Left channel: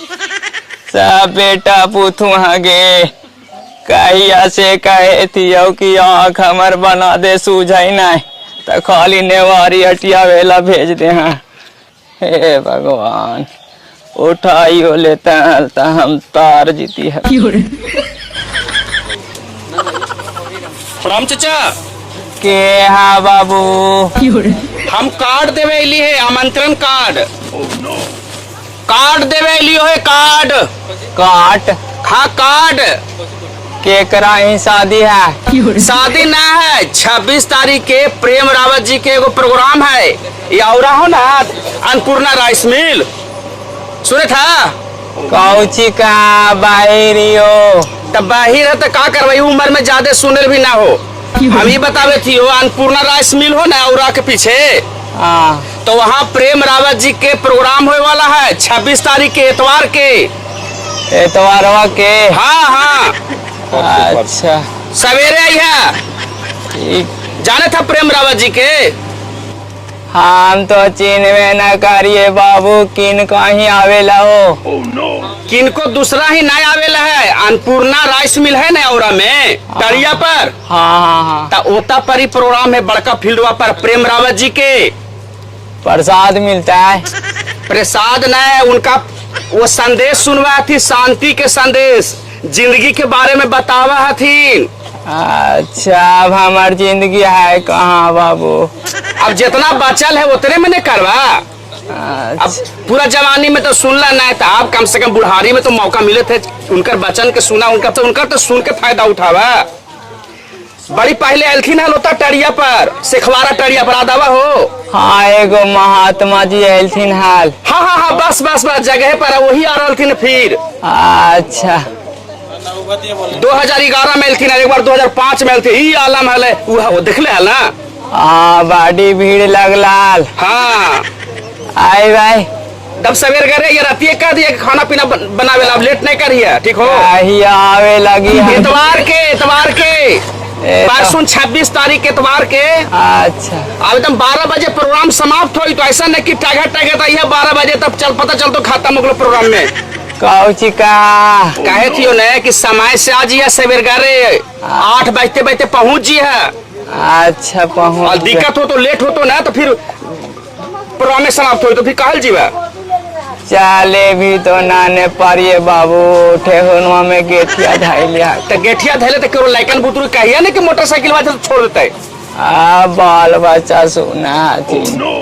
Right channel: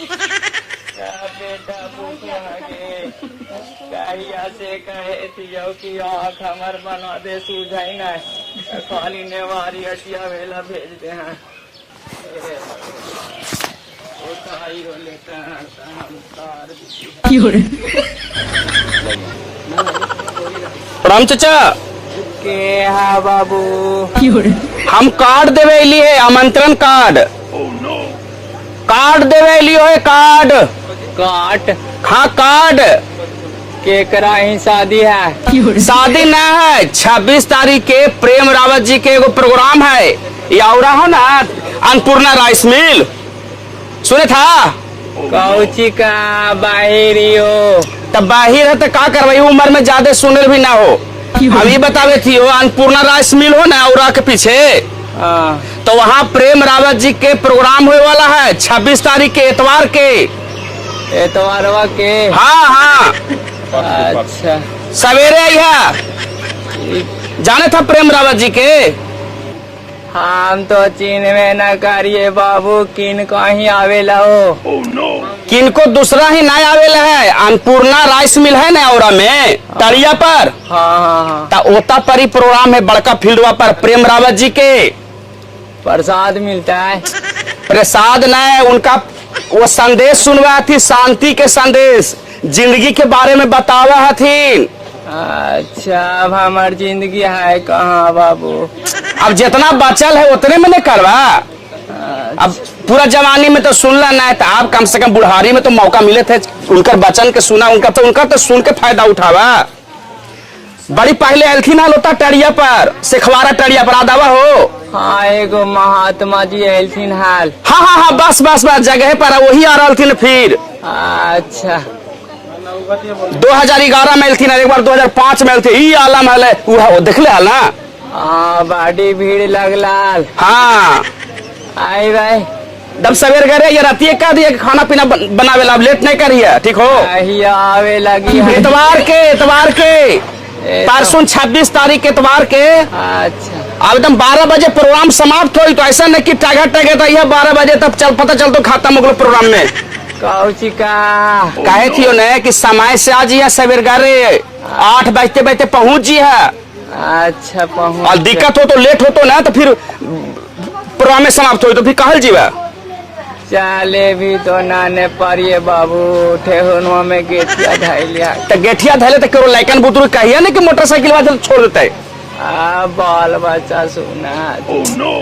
सब बेटा पुथु हगे कहिया से कहे थियो कि आँख हमर बना दे सूझाई नहीं तो खाली नेवारी हटिया वेला भेज दे। हाँ हे भगवान उठाइयो लेते हैं तो हम तार जीती है। प्रणाम चाचा। के हाँ बाबू हम कार्ड देवे लिए आमंत्रण कार्ड। कार्ड देवे लियो है कार्ड। काट हाँ कार्ड। के कराई शादी है? शादी ना है 26 तारीख के प्रेम रावत जी के एगो प्रोग्राम है ये औरा हो ना अन्नपूर्णा राइस मिल सुने था। कौची का बाहरियो तब बाहिर है तो का करवाई उम्र में ज्यादा सुनल भी ना हो। अभी बतावे थी अन्नपूर्णा राइस मिल हो ना औरा के पीछे। हाँ तो वहाँ प्रेम रावत जी के प्रोग्राम होने वाला है 26 तारीख के एतवार के। एतवारवा के? हाँ हाँ अच्छा सवेरे आई है। जाने था प्रेम रावत जी के? हम तो चीन में न करिए बाबू किन कहीं आवेला हो। किनको दूसरा ही नहीं आवेला है। अन्नपूर्णा राइस मिल है ना औरा में तड़िया पर। हाँ हाँ हाँ ता ओता पर ही प्रोग्राम है बड़का फील्डवा पर प्रेम रावत जी के। प्रसाद मिलता है? प्रसाद नहीं उनका वो संदेश सुनवा थी शांति के संदेश जिंदगी के बारे में बतावा थी। अच्छा अब हमारी जिंदगी है कहाँ बाबू? अब जितना बचल है उतने में नहीं करवा। अब पूरा जवानी में तो सुनला नहीं था आप कम से कम बुढ़ारी में तो मौका मिले थे उनका वचन के सुना उनका तो सुन के फायदा उठावा। बड़ी पहले एलथी ना लोता टड़िया पर सेखवारा टड़िया पर आदावा हो। हाँ एगो महात्मा जी एलथिन हाल। हाँ हाँ हाँ बस बस बस जगह पर वही आ रही थी फिर। अच्छा 2011 में एलथी एक बार 2005 में एलथी ई आलम है देख ले ना। हाँ बड़ी भीड़ लगलाल। हाँ आए भाई जब सवेर गए ये राती का दिए खाना पीना बनावे ला लेट नहीं करिए ठीक हो। आवे लगी इतवार के परसों 26 तारीख इतवार के। अच्छा अब एकदम 12 बजे प्रोग्राम समाप्त हो तो ऐसा नहीं कि टगे टगे तो यह 12 बजे तब चल पता चल तो खाता मुगल प्रोग्राम में कौची का कहे थी ने कि समय से आज यह सवेर गए 8 बजते बजते पहुंच जी है। अच्छा पहुंच और दिक्कत हो तो लेट हो तो ना तो फिर प्रोग्राम में समाप्त हो तो फिर कहल जीवा। चले भी तो नाने पारिये बाबू ठेहुनवा में गेठिया धाइलिया तो गेठिया धले तो करो लाइकन बुतरू कहिया नहीं कि मोटरसाइकिल वाले छोड़ देता है। बाल बच्चा सुना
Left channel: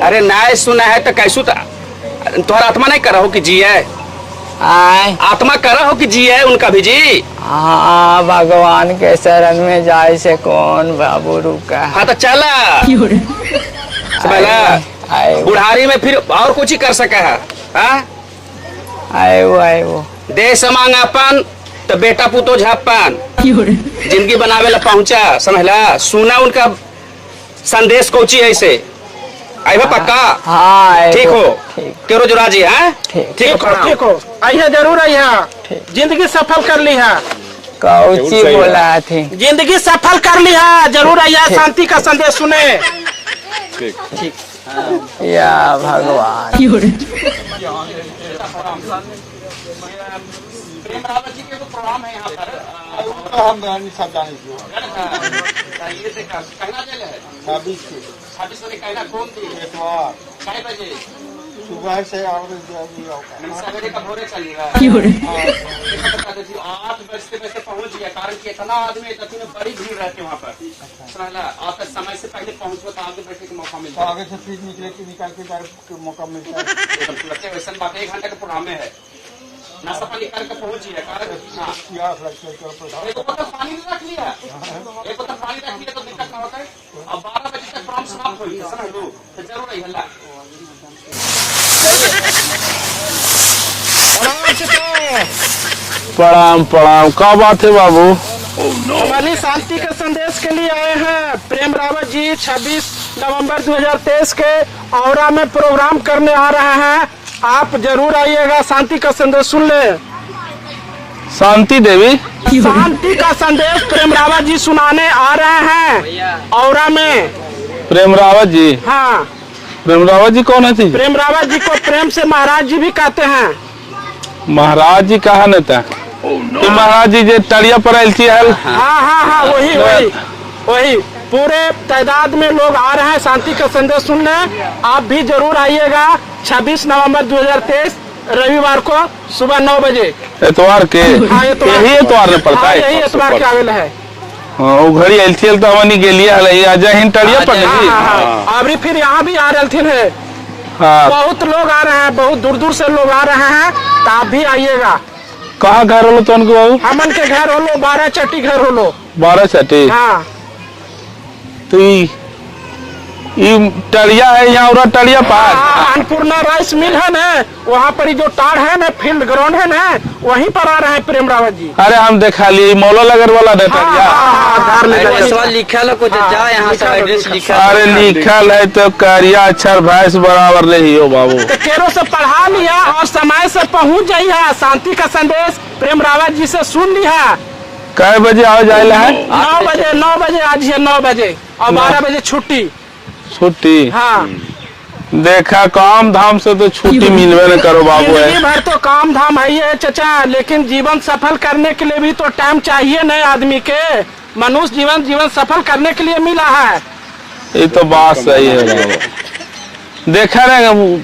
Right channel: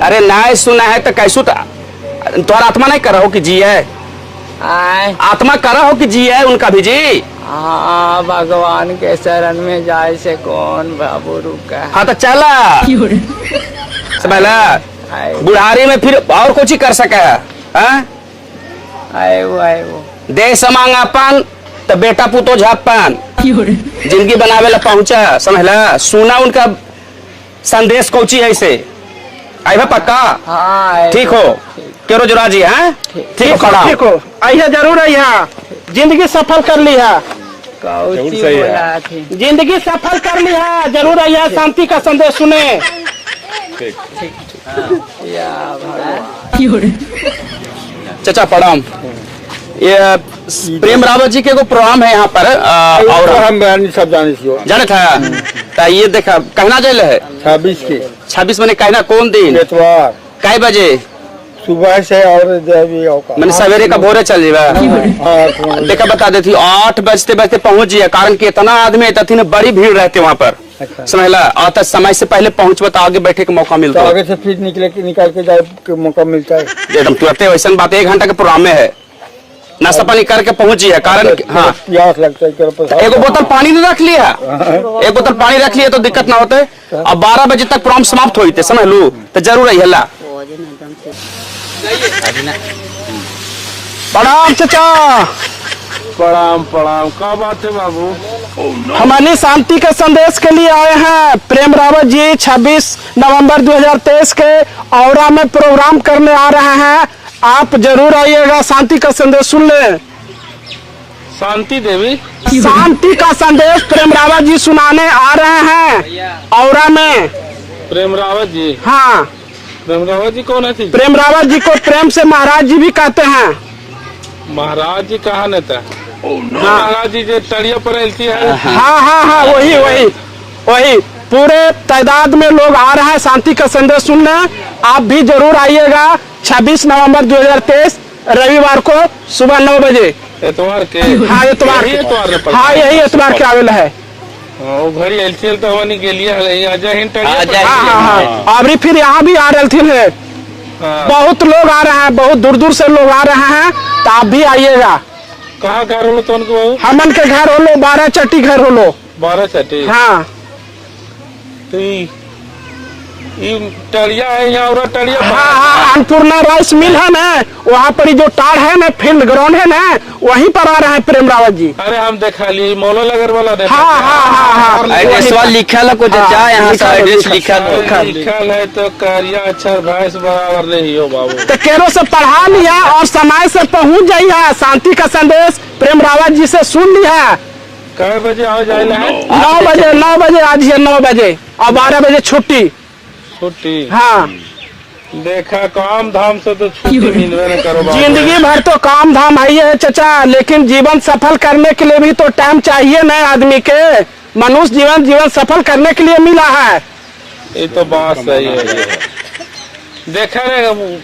अरे नहीं सुना है तो कैसू तुम्हारा आत्मा नहीं करा हो कि जी है आत्मा करा हो कि जी है उनका भी जी। हाँ भगवान के शरण में जाए से कौन बाबू रुका। हाँ तो चला बुढ़ारी में फिर और कुछ ही कर सके है। आए वो दे समांगापन तो बेटा पुतो झापन जिंदगी बनावे ला पहुंचा समझला। सुना उनका संदेश कोची ऐसे आई पक्का। हाँ ठीक हो केरो जोरा जी। हाँ ठीक हो आइए जरूर आइए जिंदगी सफल कर ली है। कौची बोला थे जिंदगी सफल कर ली है जरूर आइए शांति का संदेश सुने। या भगवान चाचा प्रणाम। ये प्रेम रावत जी के को प्रोग्राम है यहाँ पर और हम सब जाने था ये देखा कहना जेल है 26 मैंने कहना कौन दिन एतवार कई बजे सुबह से और मैंने सवेरे का भोरे चल जाएगा। देखा बता देती 8 बजते बजते पहुंच जाए कारण कि इतना आदमी तथी बड़ी भीड़ रहती वहाँ पर समझला। आता समय से पहले पहुंच तो आगे बैठे का मौका मिलता है। आगे से फिर निकाल के जाए के मौका मिलता है एकदम तुरंत वैसा बात 1 घंटा के प्रोग्राम में है नाश्ता पानी करके पहुंची है कारण हाँ प्यास लगता है। एक बोतल पानी नहीं रख लिया एक बोतल पानी रख लिया तो दिक्कत ना होते। अब 12 बजे तक प्रोग्राम समाप्त होते समझ लू तो जरूर है हल्ला। प्रणाम चाचा। प्रणाम प्रणाम क्या बात है बाबू? हमारी शांति के संदेश के लिए आए हैं। प्रेम रावत जी 26 नवंबर 2023 के औरा में प्रोग्राम करने आ रहे हैं। आप जरूर आइएगा शांति का संदेश सुन ले। शांति देवी शांति का संदेश प्रेम रावत जी सुनाने आ रहे हैं औरा में। प्रेम रावत जी? हाँ प्रेम रावत जी कौन है थी? प्रेम रावत जी को प्रेम से महाराज जी भी कहते हैं। महाराज जी कहा न था महाराज जी जे तड़िया पर एलची है। हाँ हाँ हाँ, वही पूरे तादाद में लोग आ रहे हैं शांति का संदेश सुनने। आप भी जरूर आइएगा 26 नवंबर 2023 रविवार को सुबह 9 बजे। एतवार के? हाँ एतवार में पड़ता हाँ, है। यही एतवार के आवेला है। हाँ, वो घड़ी एलची तो हमनी गेलिए अजय हिंद तड़िया पर। अभी फिर यहाँ भी आ रहे थे। हाँ, बहुत लोग आ रहे हैं, बहुत दूर दूर से लोग आ रहे हैं, तो आप भी आइएगा। कहाँ घर होलो तो उनको बाबू? हमन के घर होलो 12 चट्टी घर होलो। 12 चट्टी? हाँ, तो ये टड़िया है यहाँ और टड़िया पार। हाँ, अन्नपूर्णा राइस मिल है ना, वहाँ पर जो टार है ना, फील्ड ग्राउंड है ना, वहीं पर आ रहे हैं प्रेम रावत जी। अरे हम देखा लिए मौलो लगर वाला रहता लिखल कुछ यहाँ अरे लिखल है तो करिया अक्षर भैंस बराबर नहीं हो बाबू। तो केरो से पढ़ा लिया और समय से पहुँच जाइए। शांति का संदेश प्रेम रावत जी से सुन लिया। कै बजे आओ जाए? 9 बजे आज है 9 बजे और 12 बजे छुट्टी। छुट्टी? हाँ, देखा काम धाम से तो छुट्टी मिलवे न करो बाबू। जिंदगी भर तो काम धाम है ये चचा, लेकिन जीवन सफल करने के लिए भी तो टाइम चाहिए ना आदमी के। मनुष्य जीवन सफल करने के लिए मिला है। ये तो बात सही है बाबू। देखा नहीं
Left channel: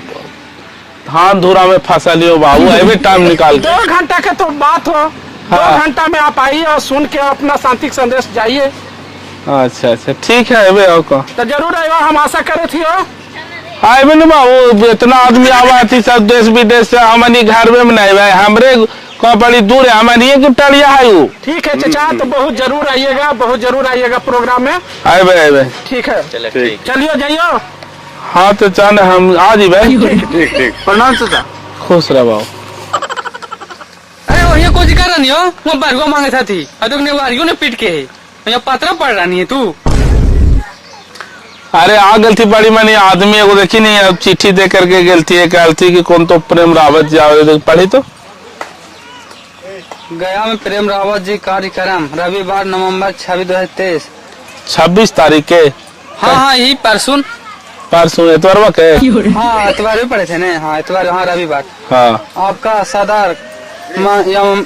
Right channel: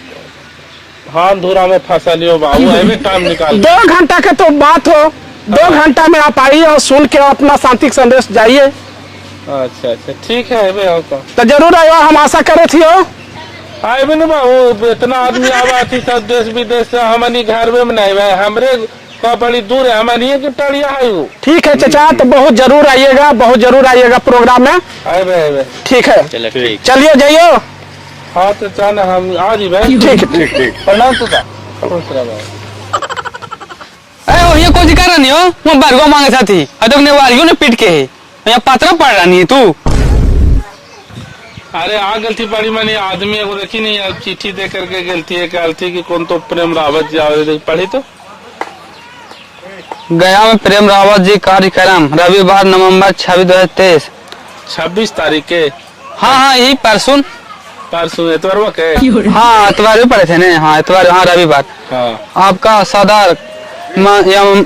धान धूरा में फंसा लियो बाबू, अभी टाइम निकाल। 2 घंटा का तो बात हो, 2 घंटा में आप आइए और सुन के अपना शांति का संदेश जाइए। अच्छा ठीक है अबे हो को तो जरूर आयो, हम आशा करे थी। आए बे बाबू, इतना आदमी आवा थी सब देश विदेश से, हमनी घर में नहीं भाई हमरे को बड़ी दूर है, हमनी एक टड़िया है वो। ठीक है चचा, तो बहुत जरूर आइएगा प्रोग्राम में। आए ठीक है, चलिए जाइयो। हाँ तो चल हम आ जी भाई। ठीक प्रणाम चाचा, खुश रह बाबू। अरे ये कुछ कर रही हो? मैं बरगो मांगे साथी अदोक ने वारियो ने पीट के है यहाँ पत्रा पड़ रही है तू। अरे आ गलती बड़ी मैंने आदमी एगो देखी नहीं, अब चिट्ठी दे करके गलती है कहती कि कौन तो प्रेम रावत जी आवे, पढ़ी तो गया में प्रेम रावत जी कार्यक्रम रविवार नवंबर 26 2023। 26 तारीख के? हाँ यही परसों एतवार के? हाँ एतवार भी पड़े थे ना। हाँ एतवार, हाँ रविवार। हाँ, आपका सदर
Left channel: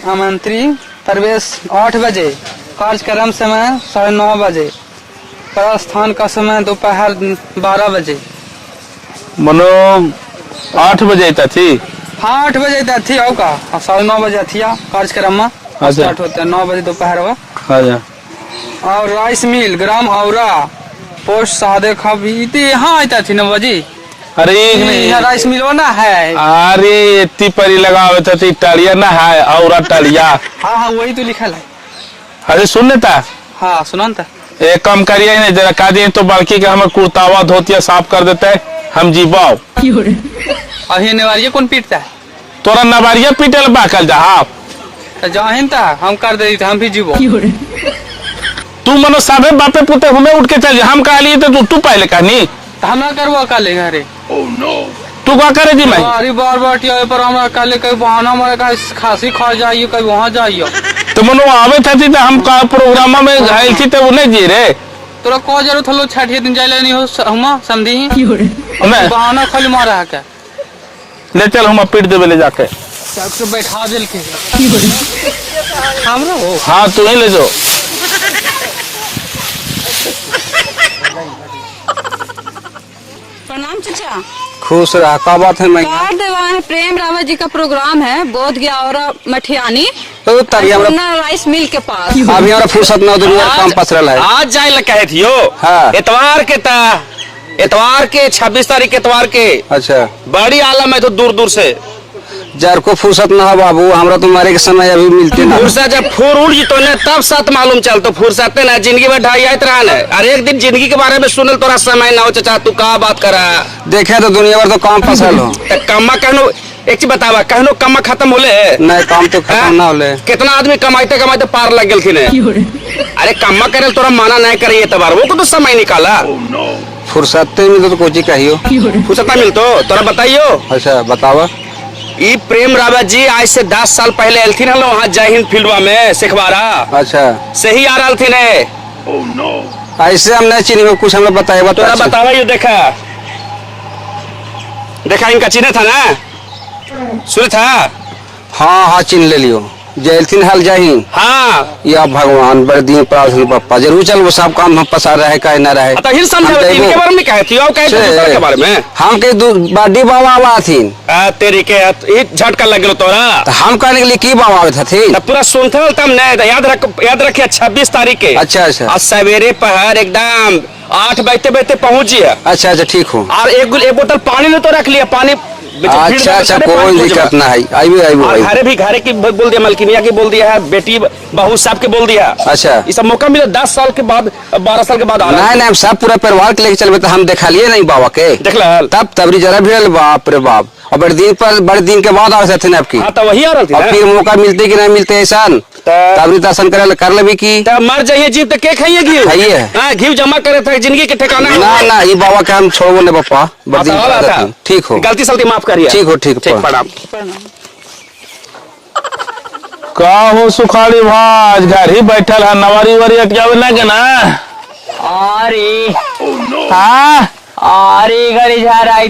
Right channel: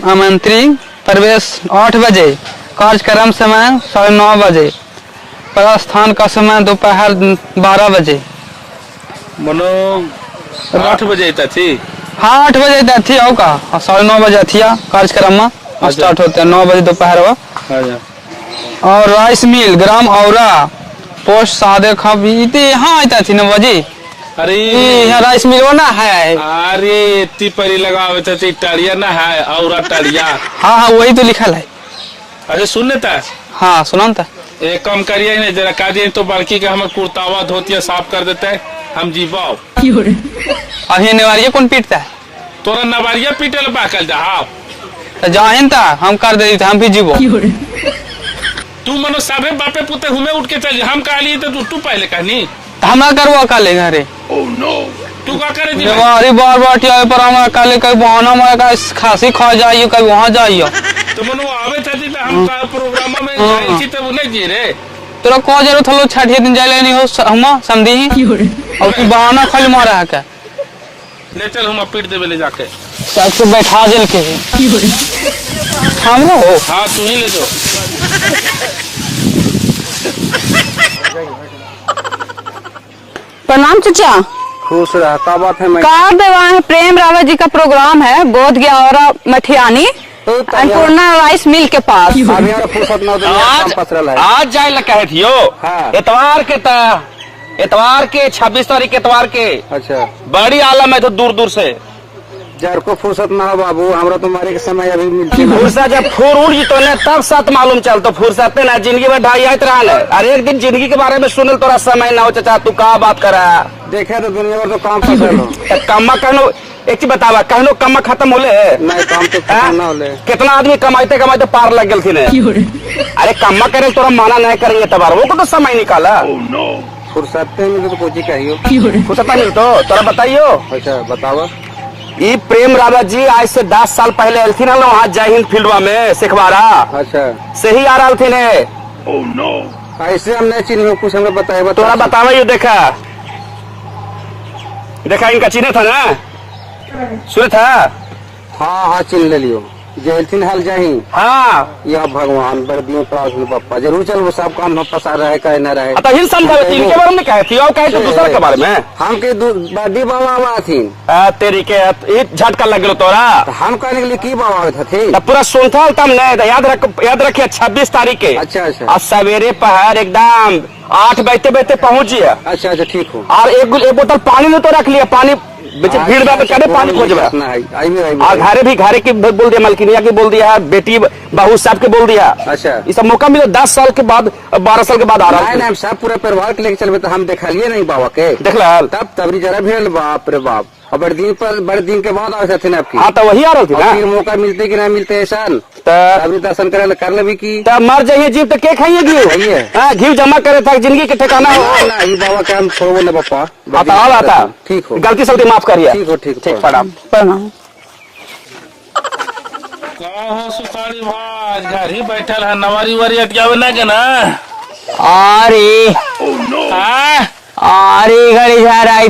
आमंत्री प्रवेश 8 बजे, कार्यक्रम समय 9:30 बजे, प्रस्थान का समय दोपहर 12 बजे। मनो 8 बजे तक थी? हाँ 8 बजे तक थी। आओ का 9:30 बजे थी कार्यक्रम में स्टार्ट होता है 9 बजे दोपहर में। और राइस मिल ग्राम औरा पोस्ट सादे खबीती यहाँ आता थी 9 बजे। अरे यहाँ राइस मिल ना है। अरे इतनी परी लगावे थी टड़िया ना है और टड़िया। हाँ वही तो लिखा है। अरे सुन था? हाँ सुनो था। एक काम करिए ना जरा का दिन तो बाकी का हमारे कुर्तावा धोतिया साफ कर देता है, हम जीवाओ। अब ये नवारिया कौन पीटता है? तोरा नवारिया पीटे बाकल जा जाहिन था हम कर दे, हम भी जीवो। तू मनो साबे बापे पुते घूमे उठ के चल, हम कह लिए तो तू पहले कहनी हमारा करवा का लेंगे। अरे तू क्या करे जी भाई? अरे बार पर हमारा कल कहीं बहाना में खांसी खा जाइए कहीं वहाँ जाइए। तो मनो आवे था तो हम का प्रोग्राम में जाए थी तो उन्हें जी रे तोरा कौन जरूरत हलो छठे दिन जाए नहीं हो हम समझी ही। बहाना खाली मारा है क्या? ले चल हम पीट देवे ले जाके तो बैठा जल के हम हो। हाँ तू ही ले जाओ। प्रणाम चाचा। खुश रहा। का बात है? मैं कार देवा है प्रेम रावत जी का प्रोग्राम है बोध गया और मठियानी अन्नपूर्णा राइस मिल के पास। अभी और फुर्सत ना दे काम पसरल है। आज जाए लग कहे थियो। हाँ। एतवार के 26 तारीख एतवार के। अच्छा बड़ी आलम है तो दूर दूर से जर को फुर्सत ना हो बाबू, हमरा तो मरे के समय अभी मिलती है। फुर्सत जब फूर जी तो ने तब साथ मालूम चल तो फुर्सत ना जिंदगी में ढाई आयत रहा है। अरे एक दिन जिंदगी के बारे में सुनल तोरा समय ना हो चाचा, तू का बात करा? देखे तो दुनिया भर तो काम फसल हो। कम्मा कहनो एक चीज बतावा, कहनो कम्मा खत्म होले? नहीं काम तो खत्म ना होले। कितना आदमी कमाते पार लग गए थे। अरे कम्मा करे तोरा माना नहीं करे एतबार, वो को तो समय निकाला। फुर्सत में तो कोची कहियो फुर्सत ना मिलतो तोरा बताइयो। अच्छा बतावा। ये प्रेम रावत जी आज से 10 साल पहले एल थी ना वहाँ जय हिंद फील्डवा में सिखवारा। अच्छा से ही आ रहा थी ने। ऐसे हम नहीं चिन्ह कुछ हमें बताइए। तोरा बतावा यो देखा इनका चिन्ह था ना, सुन था हाँ हाँ चिन्ह ले लियो जयथिन हल जहीन। हाँ या भगवान बड़ दिए प्रार्थना पप्पा जरूर चल वो सब काम हम पसा रहे कहे ना रहे। तो हिल समझावे इनके बारे में कहे थी और कहे थे दूसरा के बारे में। हम के बड़ी बाबा आवा थीन तेरी के ई झटका लग गेलो तोरा। तो हम कहने के लिए की बाबा आवे थे। तब पूरा सुनथल तम नहीं याद रखिए 26 तारीख के। अच्छा आज सवेरे पहर एकदम 8 बजते पहुंचिए। अच्छा ठीक हो। और एक बोतल पानी ने तो रख लिया पानी पानी खोजना है और घरे भी घरे की बोल दिया मलकिनिया की बोल दिया है बेटी बहू सब के बोल दिया। अच्छा ये सब मौका मिला 10 साल के बाद 12 साल के बाद आ रहा है। नहीं सब पूरा परिवार के लेके चलबे तो हम देखा लिए नहीं बाबा के देख ला तब तबरी जरा भिड़ल बाप रे बाप और बड़े दिन के बाद आवे थे आपकी। हाँ तो वही आ रही थी ना। फिर मौका मिलते कि नहीं मिलते ऐसा तबरी दर्शन करे कर लेबी की तब मर जाइए जीव तो के खाइए खाइए। हाँ घी जमा करे था जिंदगी के ठिकाना हो। ना ये बाबा के हम छोड़ो ने पापा ठीक हो गलती सलती माफ करिए। ठीक हो ठीक प्रणाम प्रणाम। का हो सुखाड़ी भाज घर ही बैठल है नवारी वारी अटियावे ना के ना। अरे हाँ अरे घड़ी झाराई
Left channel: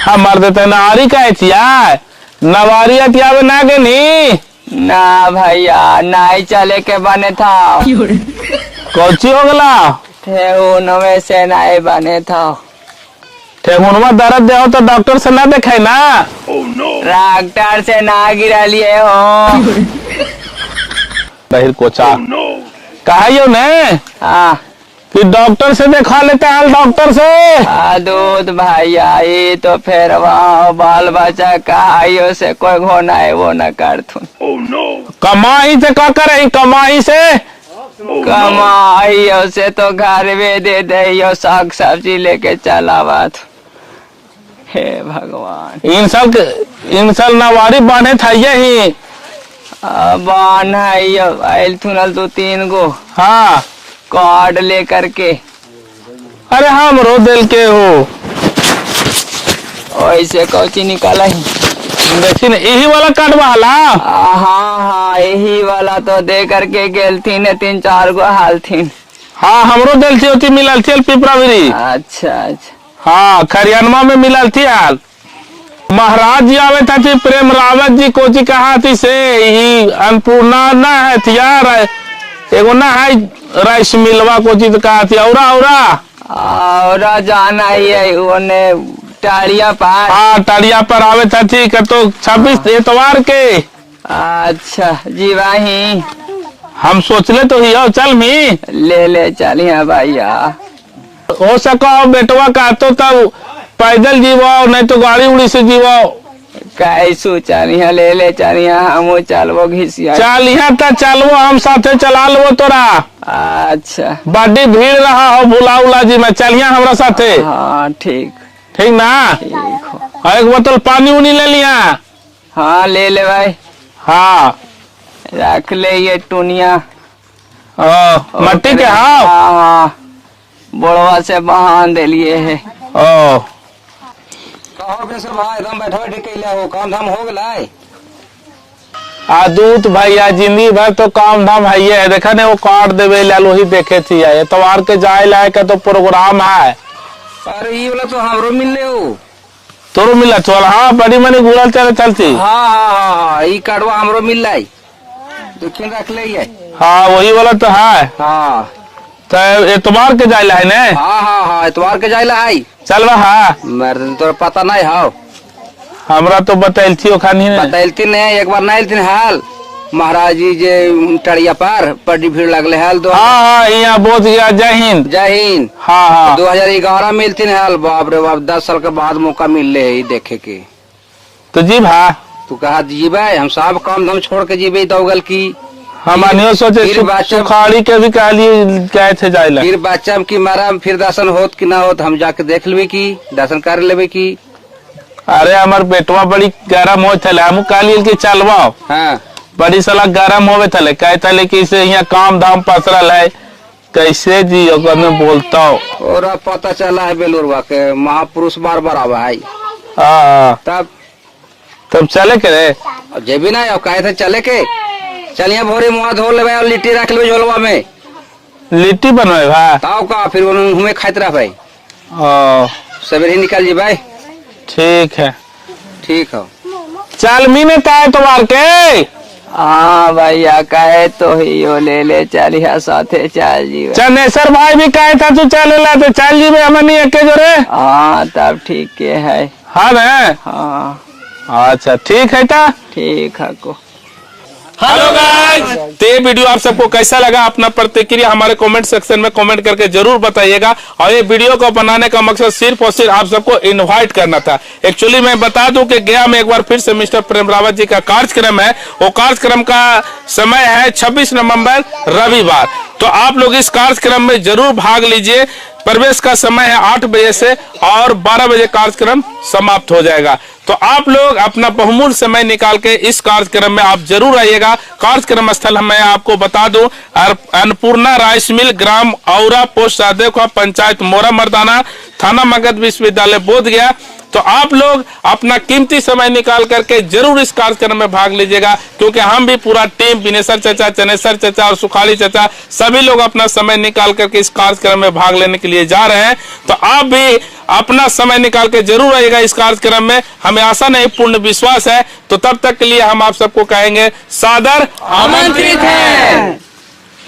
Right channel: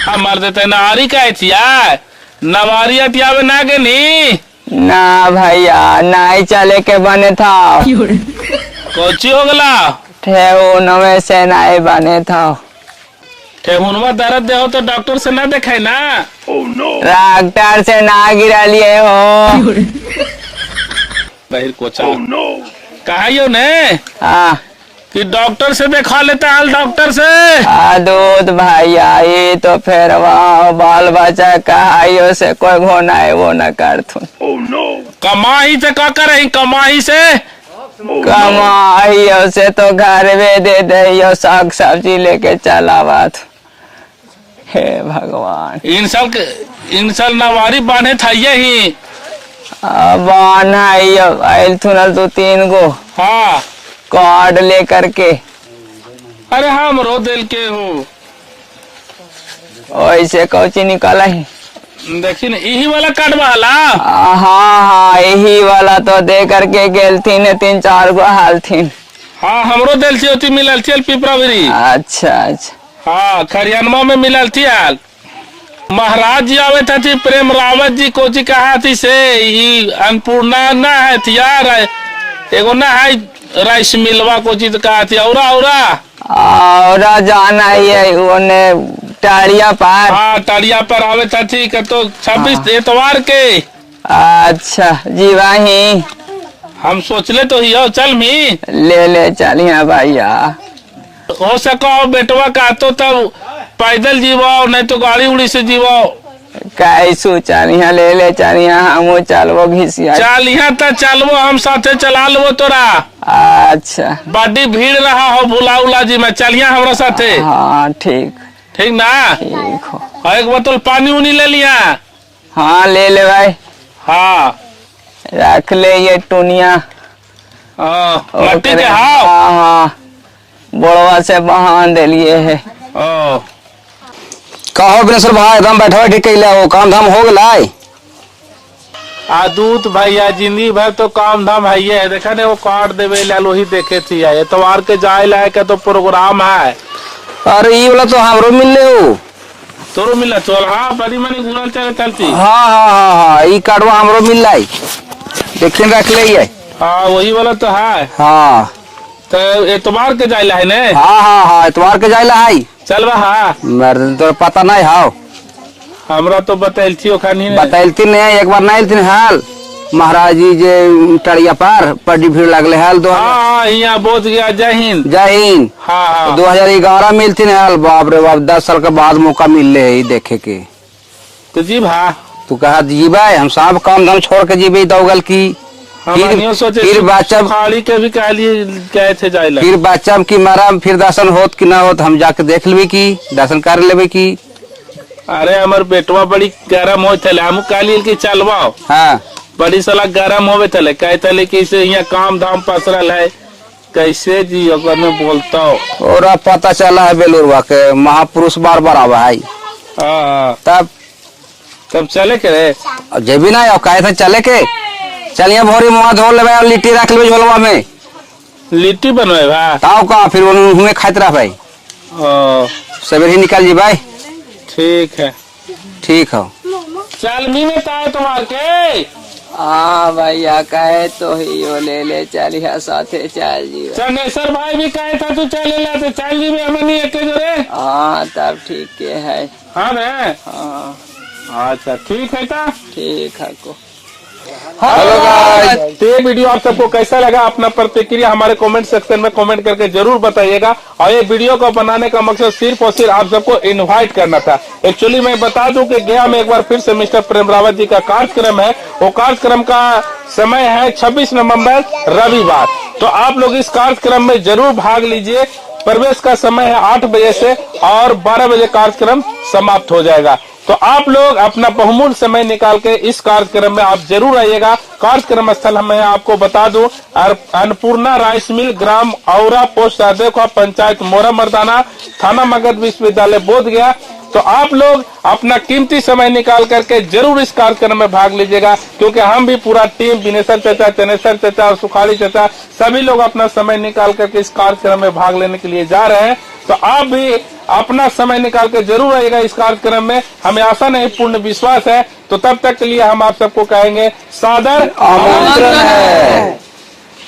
हम मर देते ना आरी का थिया नवारी अटियावे ना के नी ना भैया नहीं चले के बने था। कोची हो गला ठेहुन में से नहीं बने था। ठेहुनवा दर्द दे हो तो डॉक्टर से ना देखे ना। डॉक्टर से ना गिरा लिए हो। नहीं कोचा कहा ने हाँ कि डॉक्टर से दिखा लेता हाल डॉक्टर से। दूध भैया ये तो फिर वहाँ बाल बच्चा कहाइयो से कोई भोना है वो न कर थू। कमाई से का करे कमाई से कमाइयो से तो घर में दे दे साग सब्जी लेके चलावा। हे भगवान इन साल नवारी बांधे था यही बान आयल थुनल 2-3 गो हाँ कार्ड लेकर के। अरे हम रो दिल के हो ऐसे कौची निकाला ही देखी यही वाला कार्ड वाला। हाँ यही वाला तो दे करके गेल थी 3-4 गो हाल थी। हाँ हमरो दिल थी मिलल थी पिपरावरी। अच्छा हाँ खरियानमा में मिलल थी हाल। महाराज जी आवे था थी प्रेम रावत जी कोची कहा थी से अन्नपूर्णा ना है थी यार एगो ना है राइस मिलवा कोची तो कहा थी औरा जाना है उन्हें टाड़िया पार। हाँ टाड़िया पर आवे था थी तो 26 एतवार के। अच्छा जी भाई हम सोचले तो ही हो चल मी ले चलिए भैया। हो सका बेटवा का तो तब पैदल जीवाओ नहीं तो गाड़ी उड़ी से जीवाओ। कैसू चलिए ले चलिए हम चलबो घिसिया चलिया तो चलबो हम साथे चला लो तोरा। अच्छा बड़ी भीड़ रहा हो भुला उला जी में चलिया हमारा साथे। हाँ ठीक ना ठीक हो। एक बोतल पानी उनी ले लिया। हाँ ले भाई। हाँ रख ले ये टुनिया मट्टी के। हाँ बोड़वा से बहान दे लिए है। कहो बिनेश्वर भाई एकदम बैठो ठीक हो काम धाम हो गए। दूत भैया जिंदगी भर तो काम धाम है देखा ने वो कार्ड देवे लाल वही देखे थी एतवार के जाए लाए के तो प्रोग्राम है। अरे ये वाला तो हमरो मिलले हो तोरो मिला चल। हाँ बड़ी मनी घूरल चले चलती। हाँ ये कार्डवा हमरो मिल रहा देखिए रख ले। हाँ वही वाला तो है। हाँ तो एतवार के जाए है ने। हाँ एतवार के जाए है चल हाँ मेरे तो पता नहीं हाउ हमरा तो बताइल बताइलती नहीं एक बार नहीं हाल महाराज जी जे टड़िया पार बड़ी भीड़ लगले हाल। हाँ यहाँ बोध गया जय हिंद। हाँ 2011 मिलती हाल बाप रे बाप 10 साल के बाद मौका मिल रहे देखे के। तो जी भा तू कहा जीबा हम सब काम धाम छोड़ के जीबे दौगल की हम सोचे खाड़ी के भी कह लिए गए थे जाए फिर बच्चा की मारा फिर दर्शन होत कि ना होत हम जाके देख लेबे की दर्शन कर लेबे की। अरे हमार बेटवा बड़ी गरम हो थे हम कह लिए कि चलवा। हाँ बड़ी सलाह गरम होवे थे कहे थे कि यहाँ काम धाम पसरल है कैसे जी में बोलता हूँ। और पता चला है बेलूरवा के महापुरुष बार आवा है। तब चले के रे जेबी ना कहे थे चले के चलिए भोरी मुँह धो ले और लिट्टी रख ले झोलवा में लिट्टी बनवे भाई ताऊ का फिर उन्हें खाते रह भाई सवेरे ही निकाल जी भाई। ठीक है ठीक है। चालमी ने कहे तुम्हार के हाँ भैया कहे तो ही यो ले ले चलिया साथे चल जी। चनेसर भाई भी कहे था तू चल ला तो चल जी हमें नहीं एक जोरे। हाँ तब ठीक के है। हाँ ना हाँ अच्छा ठीक है ता ठीक है को। तो ये वीडियो आप सबको कैसा लगा अपना प्रतिक्रिया हमारे कमेंट सेक्शन में कमेंट करके जरूर बताइएगा। और ये वीडियो को बनाने का मकसद सिर्फ और सिर्फ आप सबको इनवाइट करना था। एक्चुअली मैं बता दूं कि गया में एक बार फिर से मिस्टर प्रेम रावत जी का कार्यक्रम है। वो कार्यक्रम का समय है 26 नवंबर रविवार। तो आप लोग इस कार्यक्रम में जरूर भाग लीजिए। प्रवेश का समय है 8 बजे से और 12 बजे कार्यक्रम समाप्त हो जाएगा। तो आप लोग अपना बहुमूल्य समय निकाल के इस कार्यक्रम में आप जरूर आइएगा। कार्यक्रम स्थल मैं आपको बता दूं अन्नपूर्णा राइस मिल, ग्राम औरा, पोस्ट राधेखा, पंचायत मोरा मर्दाना, थाना मगध, विश्वविद्यालय बोधगया। तो आप लोग अपना कीमती समय निकाल करके जरूर इस कार्यक्रम में भाग लीजिएगा, क्योंकि हम भी पूरा टीम बिनेश्वर चाचा, चनेश्वर चाचा और सुखाली चाचा सभी लोग अपना समय निकाल करके इस कार्यक्रम में भाग लेने के लिए जा रहे हैं। तो आप भी अपना समय निकाल के जरूर आइएगा इस कार्यक्रम में। हमें आशा नहीं पूर्ण विश्वास है। तो तब तक के लिए हम आप सबको कहेंगे सादर आमंत्रित है।